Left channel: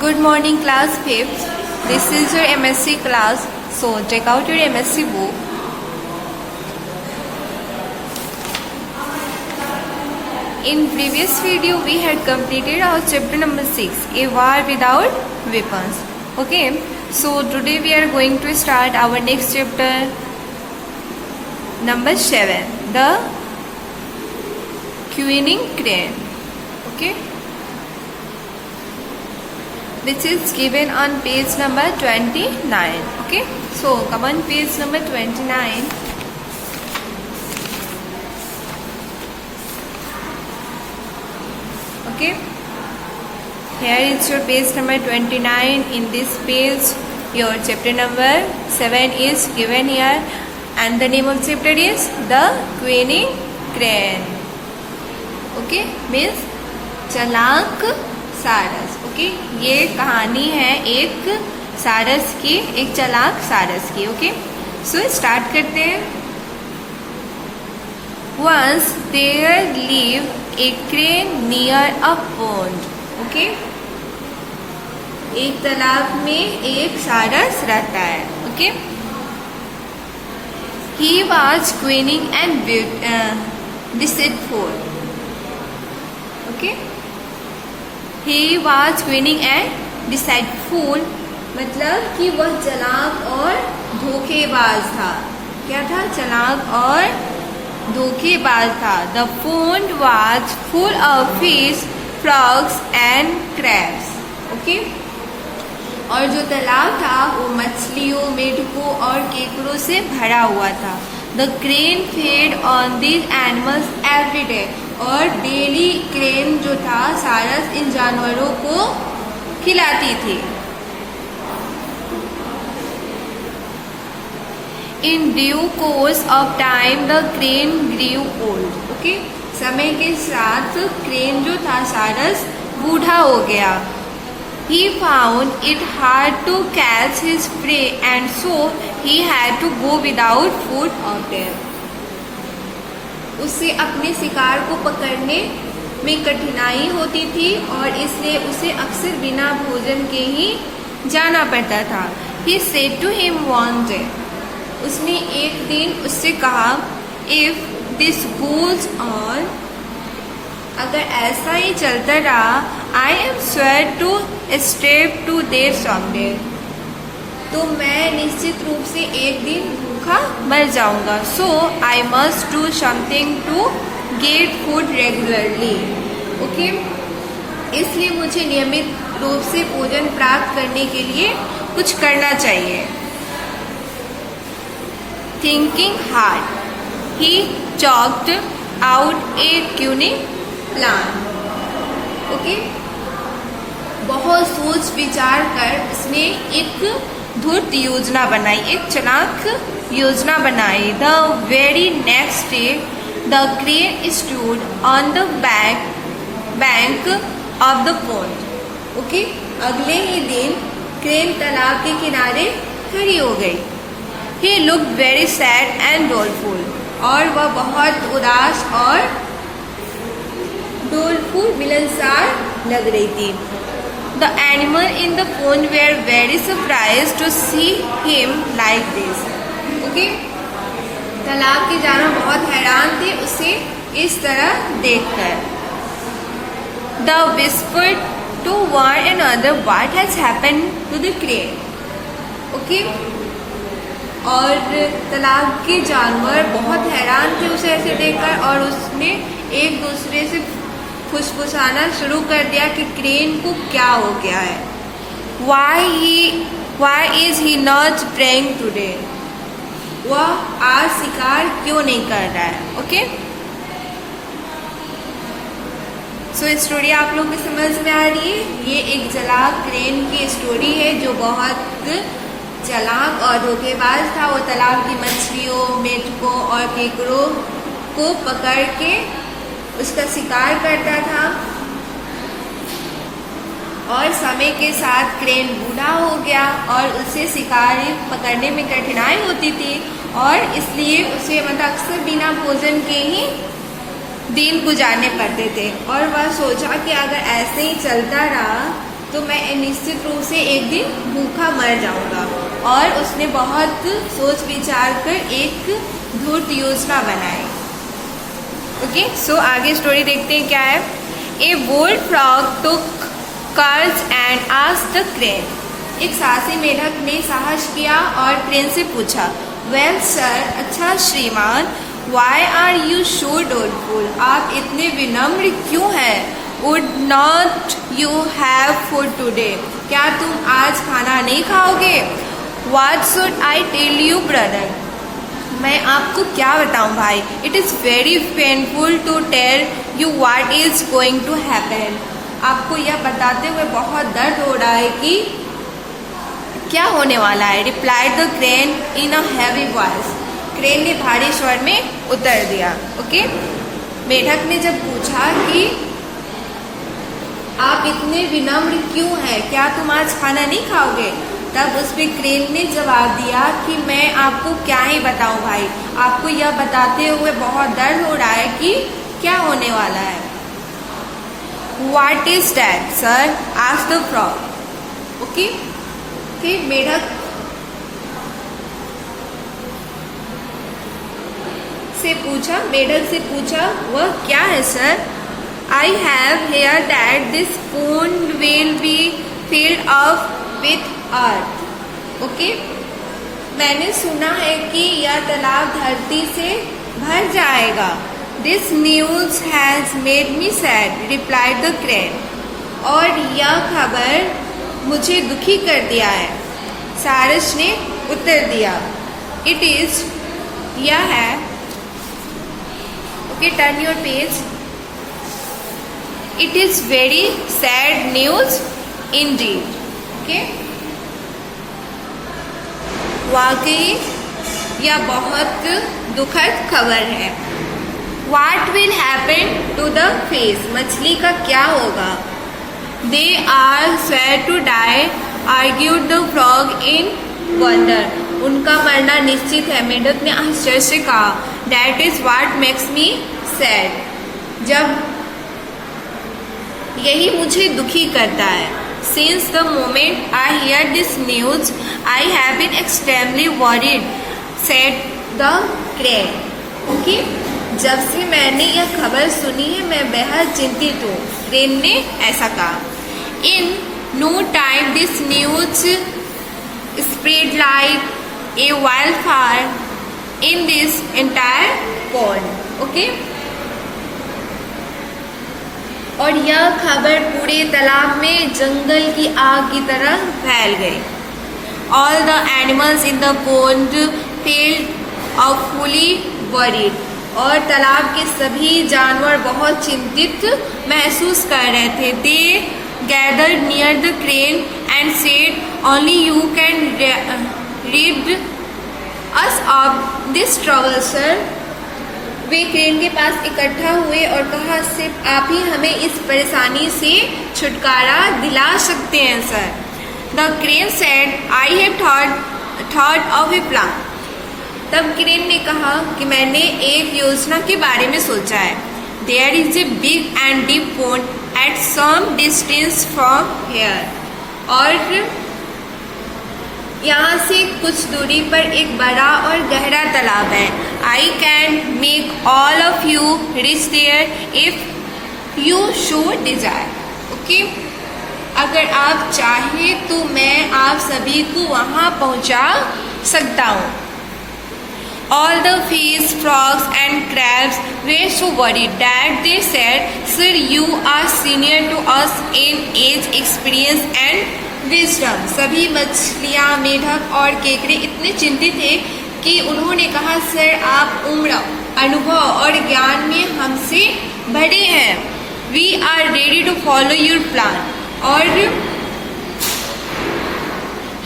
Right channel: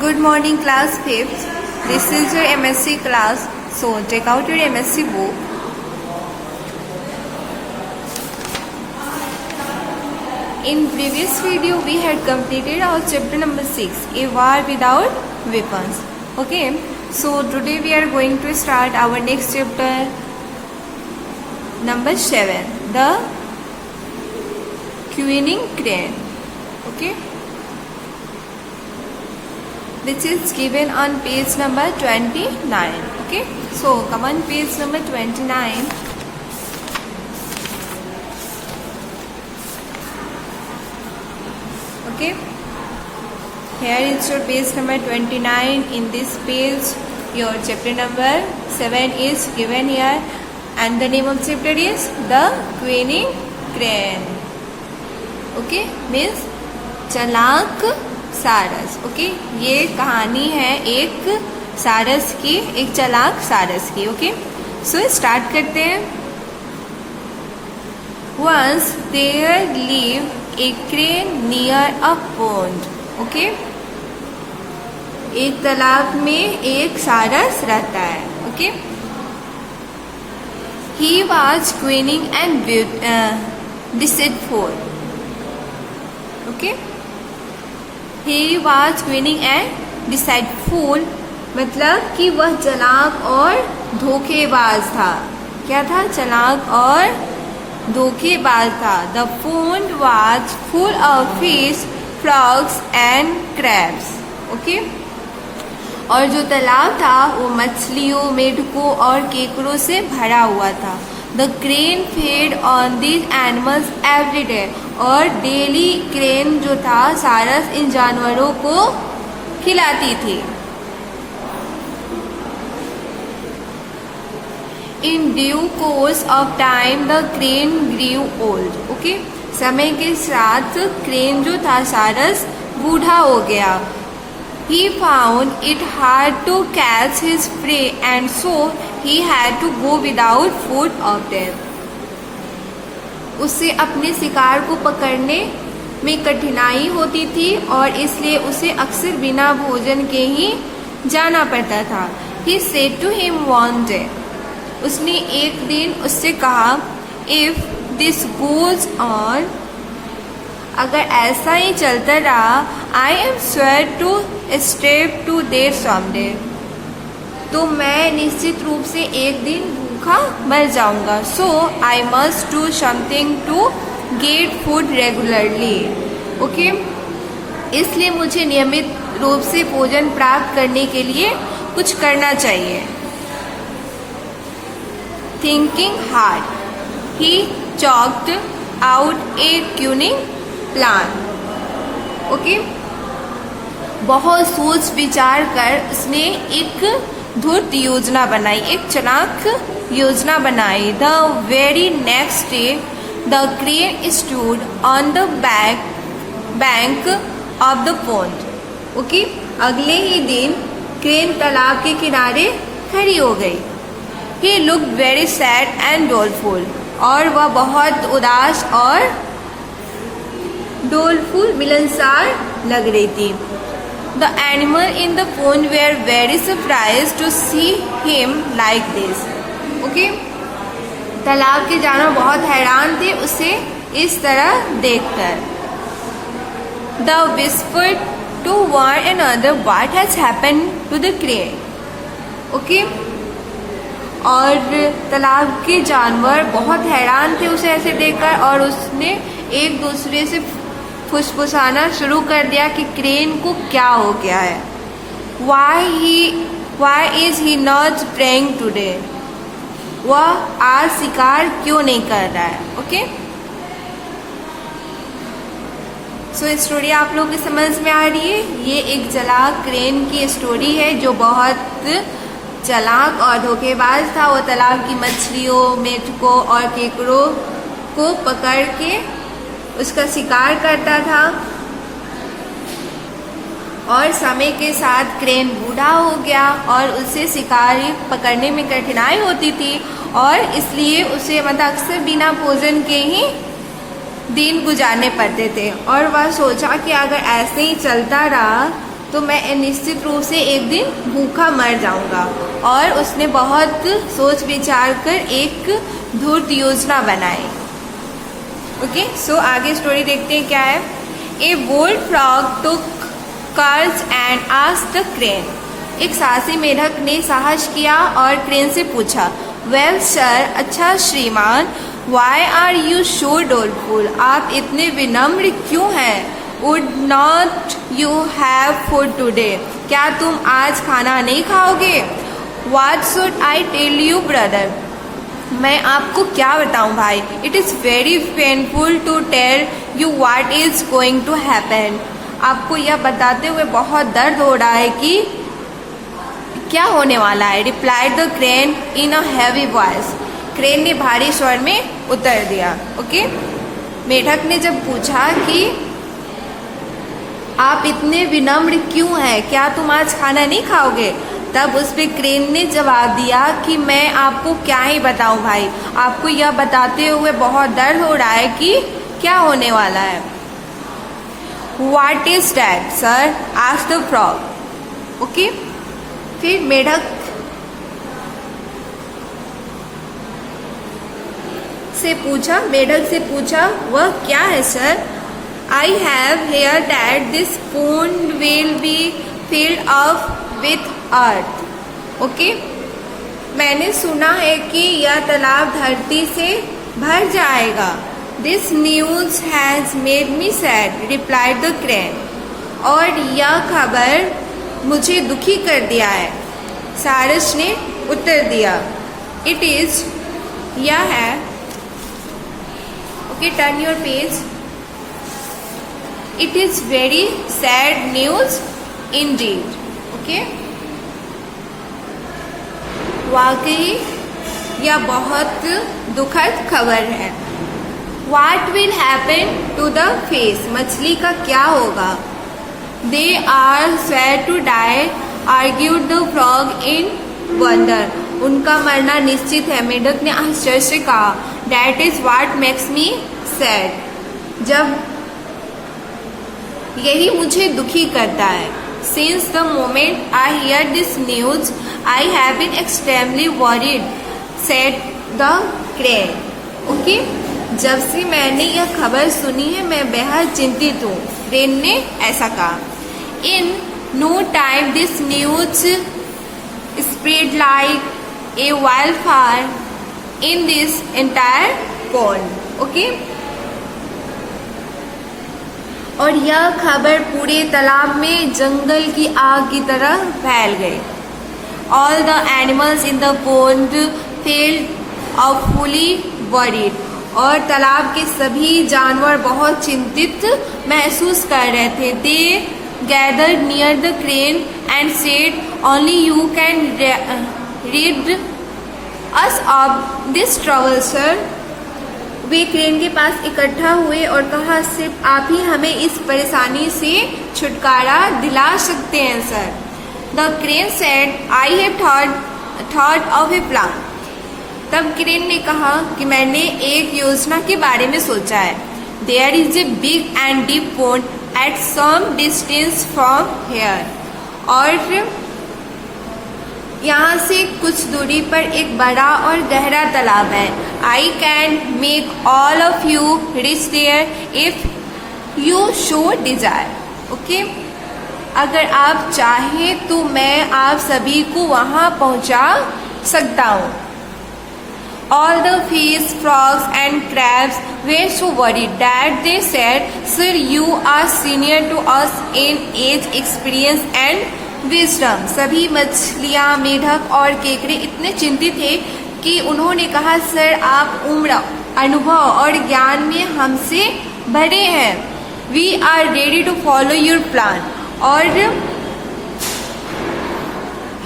Good morning, class 5th. This is your MSc class. So take out your MSc book. In previous video, we had completed our chapter number 6, A War Without Weapons. Okay. So today we are going to start our next chapter, number 7, the Queening Crane. Okay. Which is given on page number 29. Okay, so come on page number 29. Okay, here is your page number 29. In this page your chapter number 7 is given here, and the name of chapter is the Queening Crane. Okay, means चालाक सारस. Okay, ये कहानी है एक सारस की, एक चालाक सारस की. ओके, सो स्टार्ट करते हैं. Once there live a crane near a pond. Okay, एक तालाब में एक सारस रहता है. Okay, he was cunning and deceitful. Okay, He was cunning and deceitful, मतलब कि वह चालाक और धोखेबाज था. क्या था? चालाक और धोखेबाज था. The pond was full of fish, frogs and crabs. Okay? और जो तालाब था वो मछलियों, मेढकों और केकड़ों से भरा हुआ था. The crane fed on these animals every day. और डेली क्रेन जो था सारस इन जानवरों को खिलाती थी. In due course of time the crane grew old. Okay, समय के साथ क्रेन जो था सारस बूढ़ा हो गया. He found it hard to catch his prey and so he had to go without food often. उससे अपने शिकार को पकड़ने में कठिनाई होती थी और इसलिए उसे अक्सर बिना भोजन के ही जाना पड़ता था. He said to him one day. उसने एक दिन उससे कहा, If this goes on, अगर ऐसा ही चलता रहा, I am sure to starve to death someday. तो मैं निश्चित रूप से एक दिन भूखा मर जाऊंगा. So I must do something to get food regularly. Okay? इसलिए मुझे नियमित रूप से भोजन प्राप्त करने के लिए कुछ करना चाहिए. Thinking hard, he chalked out a cunning plan. Okay? बहुत सोच विचार कर उसने एक धूर्त योजना बनाई, एक चालाक योजना बनाई. The very next day the crane stood on the bank of the pond. Okay, अगले ही दिन क्रेन तालाब के किनारे खड़ी हो गई. He looked very sad and doleful. और वह बहुत उदास और डोलफुल, मिलनसार लग रही थी. The animal in the pond were very surprised to see him like this. Okay? तालाब के जानवर बहुत हैरान थे उसे इस तरह देखकर. The whispered to one another what has happened to the crane. Okay? और तालाब के जानवर बहुत हैरान थे उसे ऐसे देखकर और उसने एक दूसरे से फुसफुसाना शुरू कर दिया कि क्रेन को क्या हो गया है. Why is he not praying today? वह आज शिकार क्यों नहीं कर रहा है. ओके, सो स्टोरी आप लोग की समझ में आ रही है. ये एक चालाक क्रेन की स्टोरी है जो बहुत चालाक और धोखेबाज था. वो तालाब की मछलियों, मेढकों और केकड़ों को पकड़ के उसका शिकार करता था. और समय के साथ क्रेन बूढ़ा हो गया और उसे शिकार पकड़ने में कठिनाई होती थी और इसलिए उसे अक्सर बिना भोजन के ही दिन गुजारने पड़ते थे और वह सोचा कि अगर ऐसे ही चलता रहा तो मैं निश्चित रूप से एक दिन भूखा मर जाऊंगा। और उसने बहुत सोच विचार कर एक धूर्त योजना बनाई। ओके, सो आगे स्टोरी देखते हैं क्या है। A bold frog took courage and asked the crane. एक साहसी मेढक ने साहस किया और क्रेन से पूछा, वेल सर, अच्छा श्रीमान, वाई आर यू सो डोलफुल, आप इतने विनम्र क्यों हैं? Would not you have food today, क्या तुम आज खाना नहीं खाओगे? What should I tell you, brother? मैं आपको क्या बताऊं भाई? It is very painful to tell you what is going to happen. आपको यह बताते हुए बहुत दर्द हो रहा है कि क्या होने वाला है। Replied the crane in a heavy voice. Crane ने भारी स्वर में उत्तर दिया। ओके, मेढक ने जब पूछा कि आप इतने विनम्र क्यों हैं, क्या तुम आज खाना नहीं खाओगे? तब उस पे क्रेन ने जवाब दिया कि मैं आपको क्या ही बताऊं भाई, आपको यह बताते हुए बहुत दर्द हो रहा है कि क्या होने वाला है। What is that, sir? asked the frog. Okay, फिर मेढक से पूछा वह क्या है sir? I have heard that this pond will be filled up with earth. Okay, मैंने सुना है कि यह तालाब धरती से भर जाएगा। This news has made me sad, replied the crane. और यह खबर मुझे दुखी कर दिया है, सारस ने उत्तर दिया। It is, यह है। Okay, turn your page. It is very sad news indeed. Okay, वाकई यह बहुत दुखद खबर है। What will happen to the fish? मछली का क्या होगा? They are sure to die, argued the frog in wonder. उनका मरना निश्चित है, मेढक ने आश्चर्य से कहा। That is what makes me sad. जब यही मुझे दुखी करता है। Since the moment I hear this news, I have been extremely worried, said the crane. Okay, जब से मैंने यह खबर सुनी है मैं बेहद चिंतित हूँ, क्रेन ने ऐसा कहा। In no time this news spread like a wildfire in this entire pond. Okay, और यह खबर पूरे तालाब में जंगल की आग की तरह फैल गई। All the animals in the pond felt awfully worried. और तालाब के सभी जानवर बहुत चिंतित महसूस कर रहे थे। They gathered near the crane and said, only you can rid us of this trouble, sir. Way crane के पास इकट्ठा हुए और कहा, सिर्फ आप ही हमें इस परेशानी से छुटकारा दिला सकते हैं sir. The crane said, I have thought of A plan. तब क्रेन ने कहा कि मैंने एक योजना के बारे में सोचा है। There is a big and deep pond at some distance from here. और यहाँ से कुछ दूरी पर एक बड़ा और गहरा तालाब है। I can make all of you reach there if you show desire. Okay, अगर आप चाहें तो मैं आप सभी को वहाँ पहुँचा सकता हूँ। All the fish, frogs and crabs were so worried that they said, sir, you are senior to us in age, experience and wisdom. सभी मछलियाँ, मेढक और केकड़े इतने चिंतित थे कि उन्होंने कहा, सर आप उम्र, अनुभव और ज्ञान में हमसे बड़े हैं। We are ready to follow your plan. और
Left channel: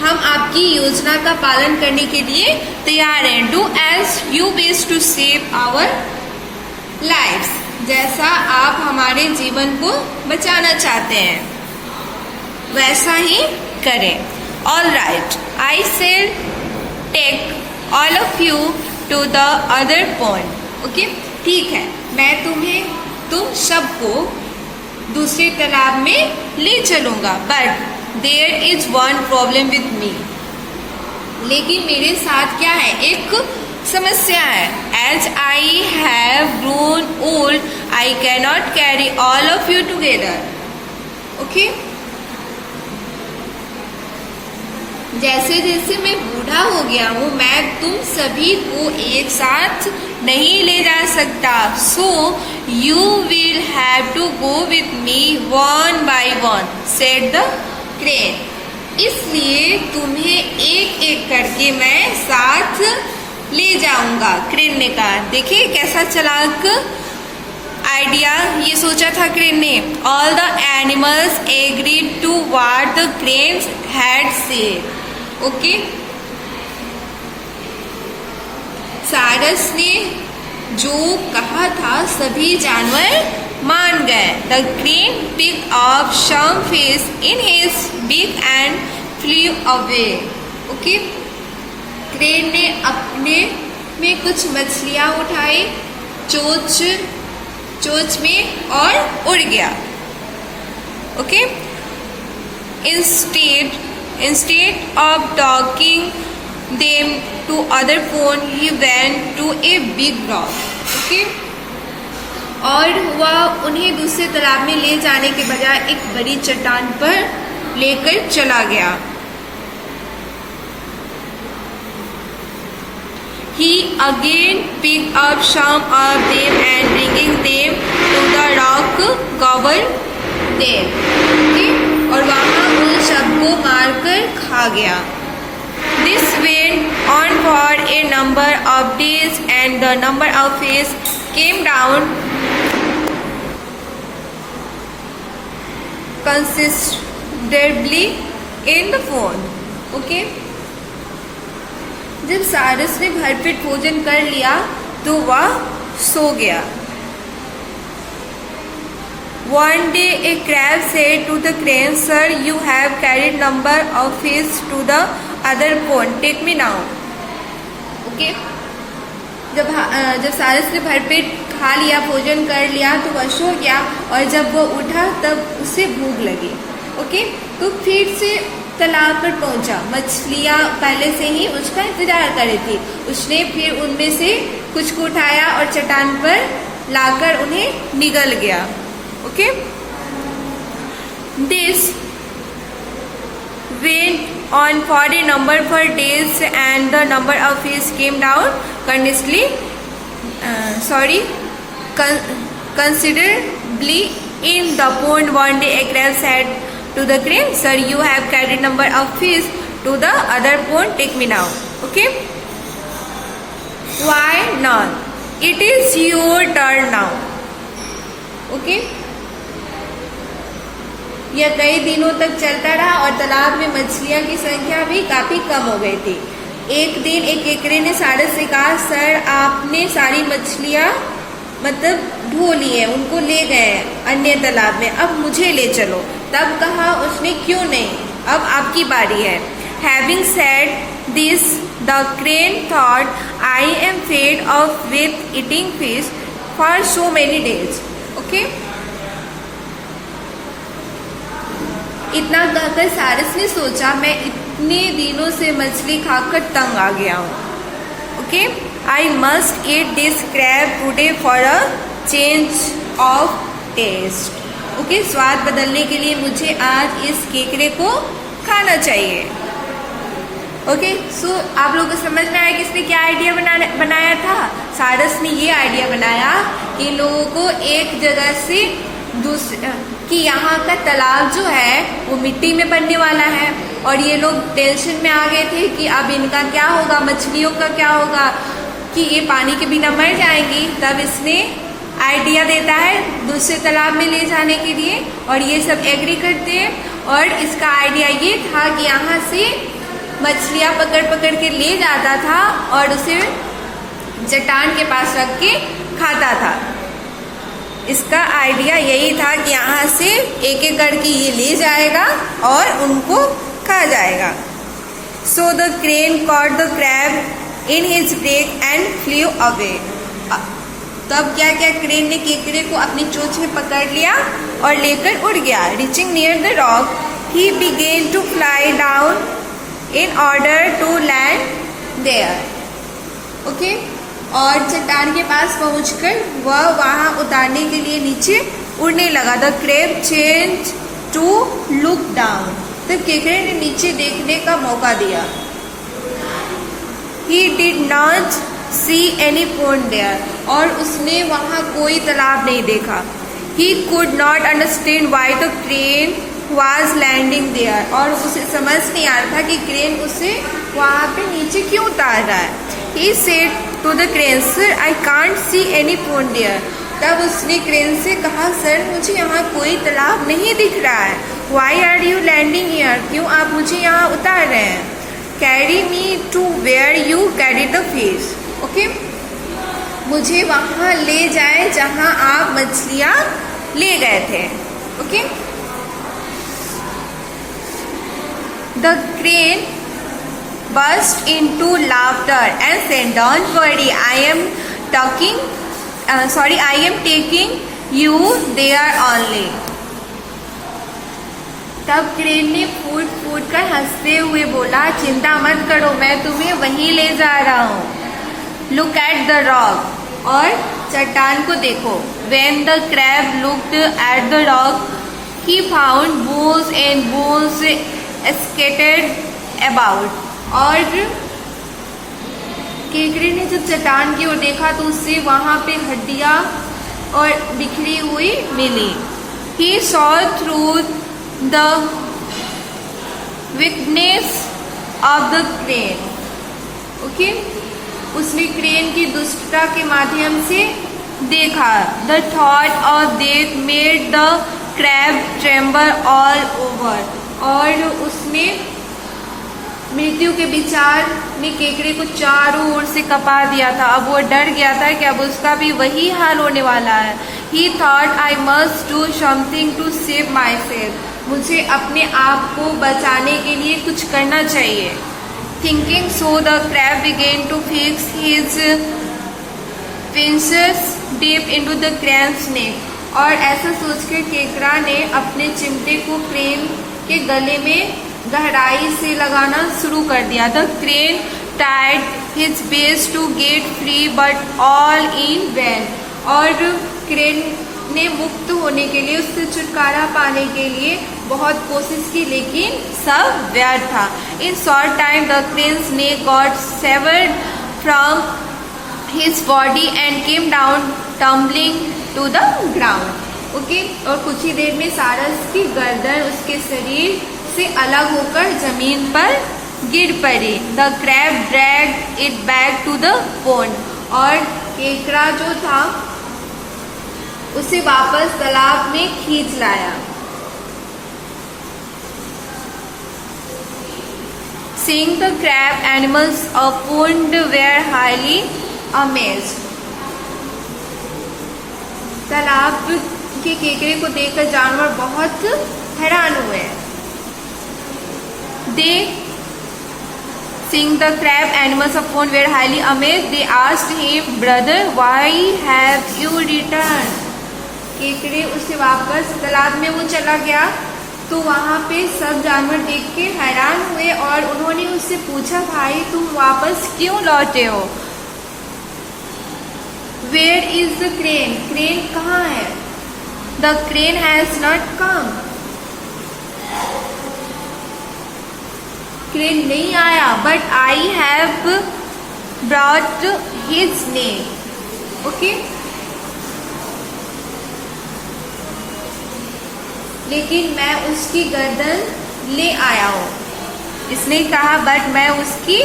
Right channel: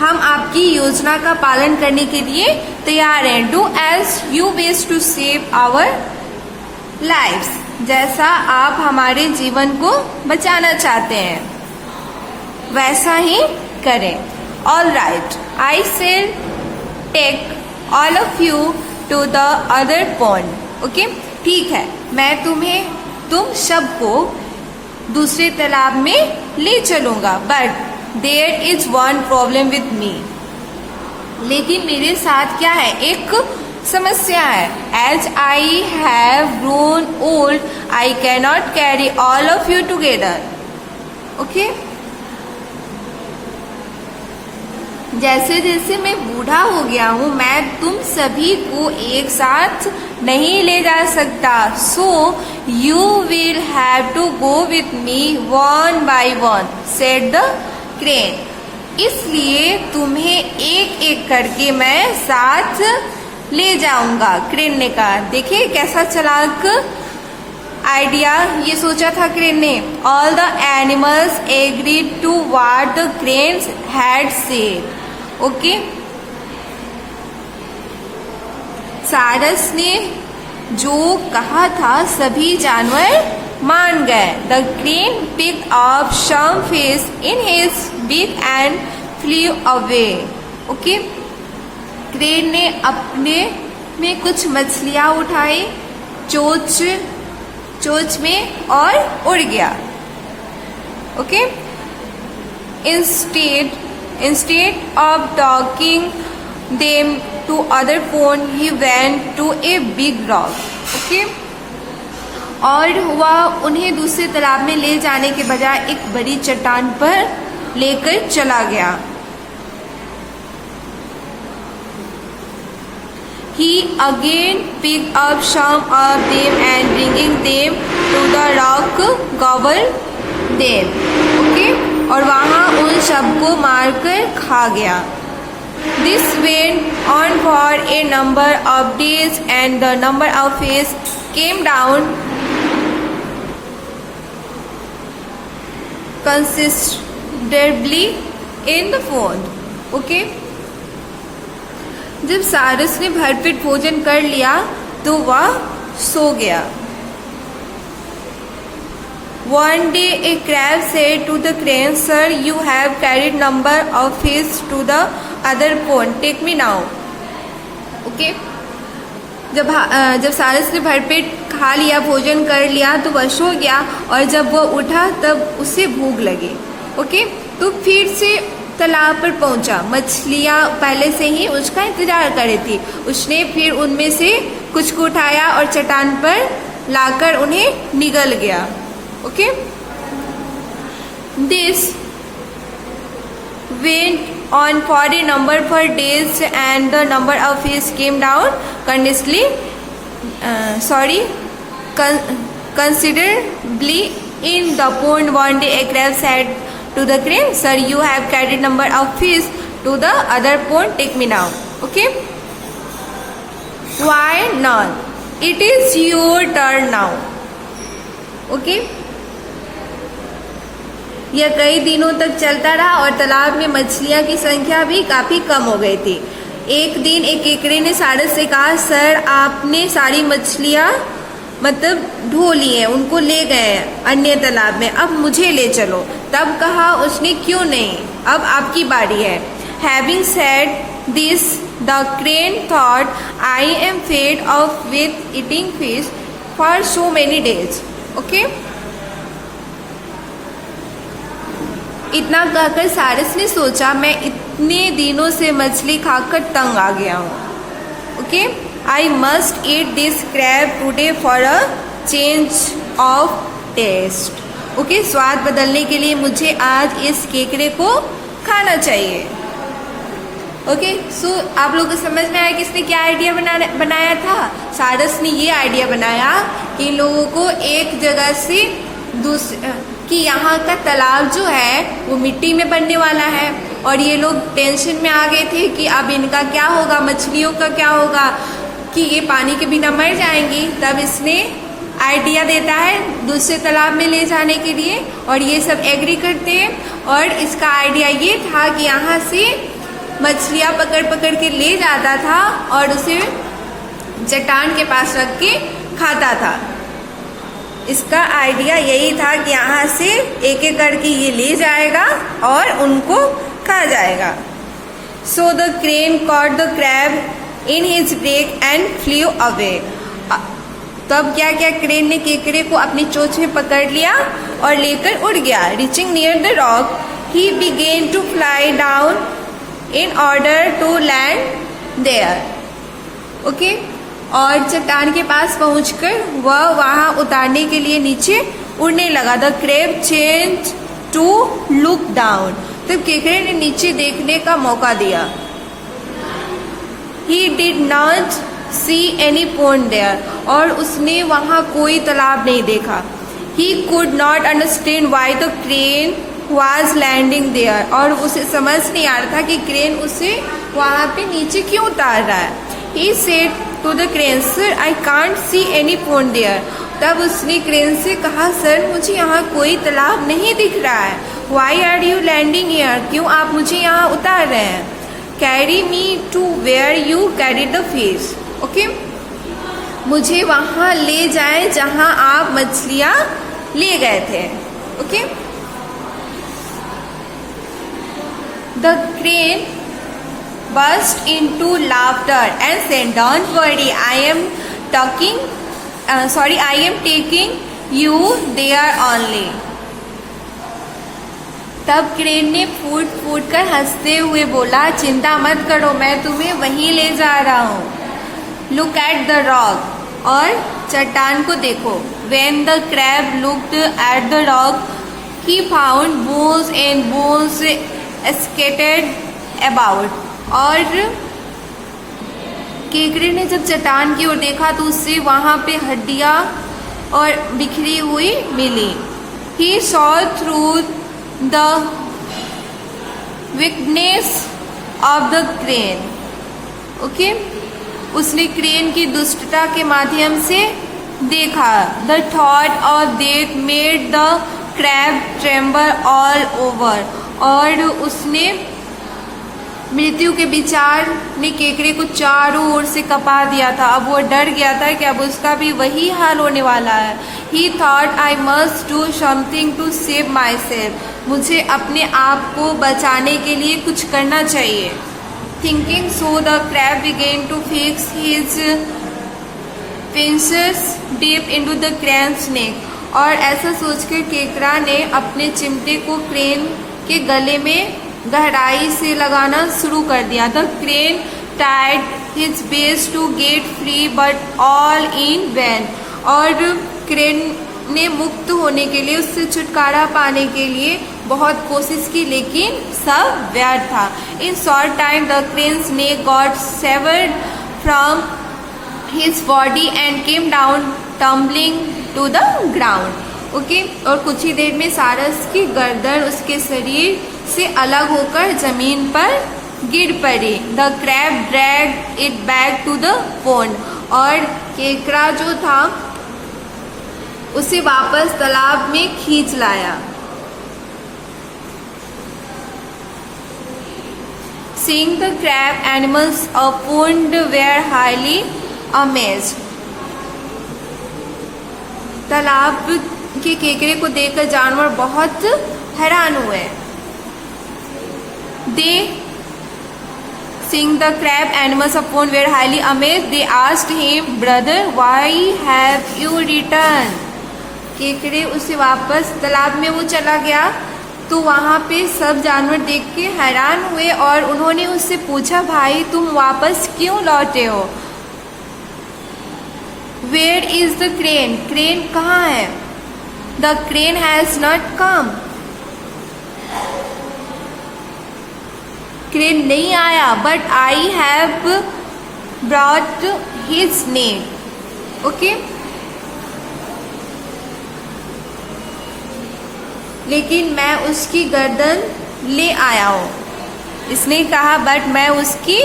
हम आपकी योजना का पालन करने के लिए तैयार हैं। Do as you wish to save our lives. जैसा आप हमारे जीवन को बचाना चाहते हैं वैसा ही करें। All right, I shall take all of you to the other pond. Okay, ठीक है, मैं तुम सबको दूसरे तालाब में ले चलूंगा, but there is one problem with me, लेकिन मेरे साथ क्या है, एक समस्या है। As I have grown old I cannot carry all of you together. Okay, जैसे जैसे मैं बूढ़ा हो गया हूँ, मैं तुम सभी को एक साथ नहीं ले जा सकता। So you will have to go with me one by one, said the crane. इसलिए तुम्हें एक एक करके मैं साथ ले जाऊंगा, क्रेन ने कहा। देखिए कैसा चालाक आइडिया ये सोचा था क्रेन ने। All the animals agreed to what the crane had said. Okay, सारस ने जो कहा था सभी जानवर मान गए। The crane pick up some fish in his big and flew away. Okay, crane ने अपने में कुछ मछलियां उठाई चोंच में और उड़ गया। Okay, instead of talking them to other pond, he went to a big rock. Okay? और हुआ उन्हें दूसरे तालाब में ले जाने के बजाय एक बड़ी चट्टान पर लेकर चला गया। He again picked up some of them and bringing them to the rock gobbled them. Okay? और वहां उन सबको मारकर खा गया। This went on for a number of days and the number of fish came down considerably in the pond. Okay? जब सारस ने भरपेट भोजन कर लिया तो वह सो गया। One day a crab said to the crane, "Sir, you have carried number of fish to the other pond. Take me now." Okay? जब सारस ने भरपेट खा लिया, भोजन कर लिया तो वह सो गया, और जब वो उठा तब उसे भूख लगी। ओके, तो फिर से तालाब पर पहुंचा। मछलियां पहले से ही उसका इंतजार कर रही थी। उसने फिर उनमें से कुछ को उठाया और चट्टान पर लाकर उन्हें निगल गया। Okay, this went on for a number of days and the number of fish came down considerably in the pond. One day a crab said to the crane, "Sir, you have carried number of fish to the other pond. Take me now." Okay, why not? It is your turn now. Okay, यह कई दिनों तक चलता रहा और तालाब में मछलियां की संख्या भी काफी कम हो गई थी। एक दिन एक केकड़े ने सारस से कहा, "सर, आपने सारी मछलियां ढो ली है, उनको ले गए अन्य तालाब में, अब मुझे ले चलो।" तब कहा उसने, "क्यों नहीं, अब आपकी बारी है." Having said this, the crane thought, "I am fed up with eating fish for so many days." Okay? इतना कहकर सारस ने सोचा, मैं इतने दिनों से मछली खाकर तंग आ गया हूँ। Okay, I must eat this crab today for a change of taste. Okay, स्वाद बदलने के लिए मुझे आज इस केकड़े को खाना चाहिए। ओके, सो आप लोगों को समझ में आया कि इसने क्या आइडिया बनाया था। सारस ने ये आइडिया बनाया कि लोगों को एक जगह से कि यहाँ का तालाब जो है वो मिट्टी में बनने वाला है, और ये लोग टेंशन में आ गए थे कि अब इनका क्या होगा, मछलियों का क्या होगा, कि ये पानी के बिना मर जाएंगी। तब इसने आइडिया देता है दूसरे तालाब में ले जाने के लिए, और ये सब एग्री करते हैं। और इसका आइडिया ये था कि यहाँ से मछलियाँ पकड़ पकड़ के ले जाता था और उसे चट्टान के पास रख के खाता था। इसका आइडिया यही था कि यहाँ से एक एक करके ये ले जाएगा और उनको खा जाएगा। So the crane caught the crab in his beak and flew away. तब क्या किया, क्रेन ने केकड़े को अपनी चोंच में पकड़ लिया और लेकर उड़ गया। Reaching near the rock he began to fly down in order to land there. Okay, और चट्टान के पास पहुंचकर वह वहां उतारने के लिए नीचे उड़ने लगा। The crab change to look down, तब केकड़े ने नीचे देखने का मौका दिया। He did not see any pond there, और उसने वहां कोई तालाब नहीं देखा। He could not understand why the crane was landing there, और उसे समझ नहीं आ रहा था कि क्रेन उसे वहां पे नीचे क्यों उतार रहा है। He said to the crane, Sir, I can't see any pond there. तब उसने क्रेन से कहा, सर मुझे यहाँ कोई तालाब नहीं दिख रहा है। Why are you landing here? क्यों आप मुझे यहाँ उतार रहे हैं? Carry me to where you carried the fish. Okay? मुझे वहाँ ले जाए जहाँ आप मछलियाँ ले गए थे। Okay? The crane burst into laughter and said, Don't worry, I am taking you there only. तब क्रेन ने फूट फूट कर हंसते हुए बोला, चिंता मत करो, मैं तुम्हें वहीं ले जा रहा हूँ। Look at the rock, और चट्टान को देखो। When the crab looked at the rock, he found bones and bones scattered about. और केकड़े ने जब चट्टान की ओर देखा तो उससे वहां पे हड्डियां और बिखरी हुई मिली। He saw through the wickedness of the crane. Okay? उसने क्रेन की दुष्टता के माध्यम से देखा। The thought of death made the crab tremble all over. और उसने मृत्यु के विचार ने केकड़े को चारों ओर से कपा दिया था। अब वो डर गया था कि अब उसका भी वही हाल होने वाला है। He thought I must do something to save myself. मुझे अपने आप को बचाने के लिए कुछ करना चाहिए। Thinking so, the crab began to fix his pincers deep into the crane's neck. और ऐसा सोचकर केकड़ा ने अपने चिमटे को क्रेन के गले में गहराई से लगाना शुरू कर दिया। The crane tried his best to get free, but all in vain. और क्रेन ने मुक्त होने के लिए, उससे छुटकारा पाने के लिए बहुत कोशिश की, लेकिन सब व्यर्थ था। In short time, the crane's neck got severed from his body and came down tumbling to the ground. Okay, और कुछ ही देर में सारस की गर्दन उसके शरीर से अलग होकर जमीन पर गिर पड़ी। The crab dragged it back to the pond, और केकड़ा जो था उसे वापस तालाब में खींच लाया। Seeing the crab, animals of pond were highly amazed. तालाब के केकड़े को देखकर जानवर बहुत हैरान हुए। They, seeing the crab, animals of pond were highly amazed. They asked him, Brother, why have you returned? केकड़े उसे वापस तालाब में वो चला गया तो वहां पे सब जानवर देख के हैरान हुए और उन्होंने उससे पूछा, भाई तुम वापस क्यों लौटे हो? Where is the crane? Crane कहाँ है? The crane has not come. Crane नहीं आया, but I have brought his name. Okay? लेकिन मैं उसकी गर्दन ले आया हूँ। इसने कहा, बट मैं उसकी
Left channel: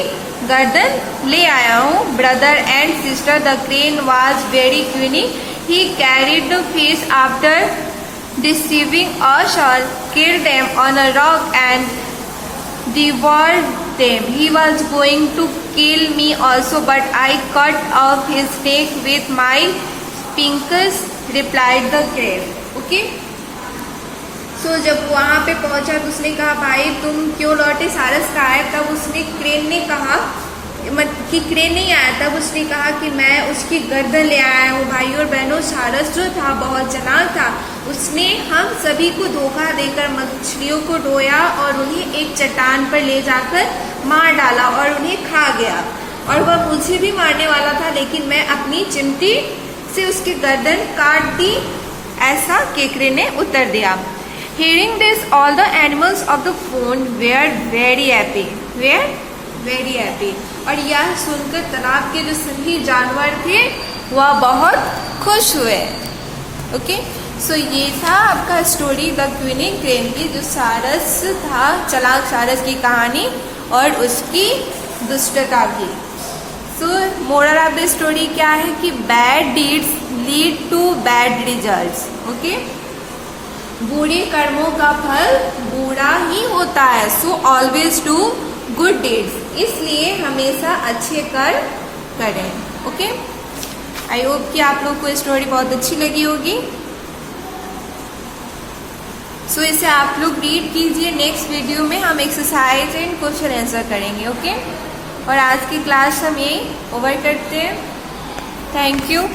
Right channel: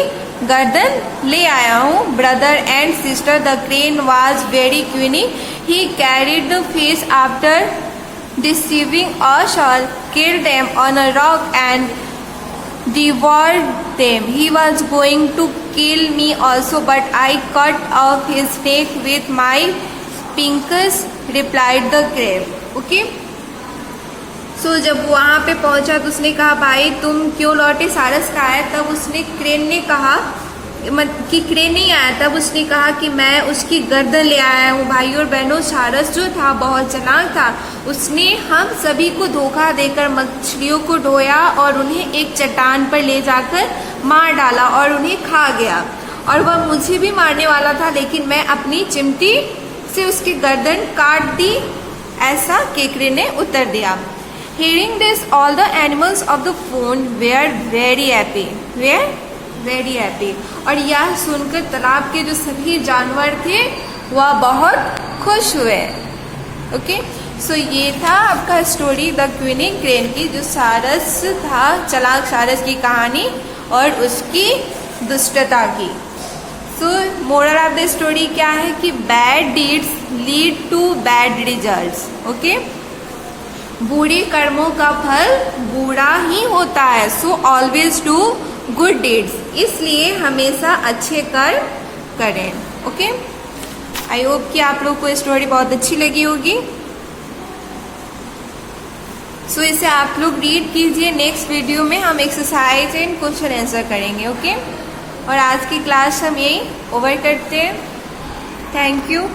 गर्दन ले आया हूँ। Brother and sister, the crane was very cunning. He carried the fish after deceiving us all, killed them on a rock and devoured them. He was going to kill me also, but I cut off his neck with my pincers, replied the crab. Okay? So जब वहां पे पहुंचा तो उसने कहा, भाई तुम क्यों लौटे? सारस कहा है। तब उसने क्रेन ने कहा, किकरे नहीं आया, तब उसने कहा कि मैं उसकी गर्दन ले आया हूँ। भाई और बहनों, सारस जो था बहुत चालाक था, उसने हम सभी को धोखा देकर मछलियों को ढोया और उन्हें एक चट्टान पर ले जाकर मार डाला और उन्हें खा गया। और वह मुझे भी मारने वाला था, लेकिन मैं अपनी चिमटी से उसकी गर्दन काट दी, ऐसा केकरे ने उत्तर दिया। Hearing this, all the animals of the pond were very happy. Were very happy. और यह सुनकर तालाब के जो सभी जानवर थे वह बहुत खुश हुए। ओके, सो ये था आपका स्टोरी द क्विनिंग क्रेन की, जो सारस था, चालाक सारस की कहानी और उसकी दुष्टता की। So moral of the story क्या है कि bad deeds lead to bad results. Okay, बुरे कर्मों का फल बुरा ही होता है। So always do good deeds, इसलिए हमेशा अच्छे कर्म करें। ओके, आई होप कि आप लोग को स्टोरी बहुत अच्छी लगी होगी। सो इसे आप लोग रीड कीजिए। नेक्स्ट वीडियो में हम एक्सरसाइज एंड क्वेश्चन आंसर करेंगे। ओके, और आज की क्लास हम यही ओवर करते हैं। Thank you.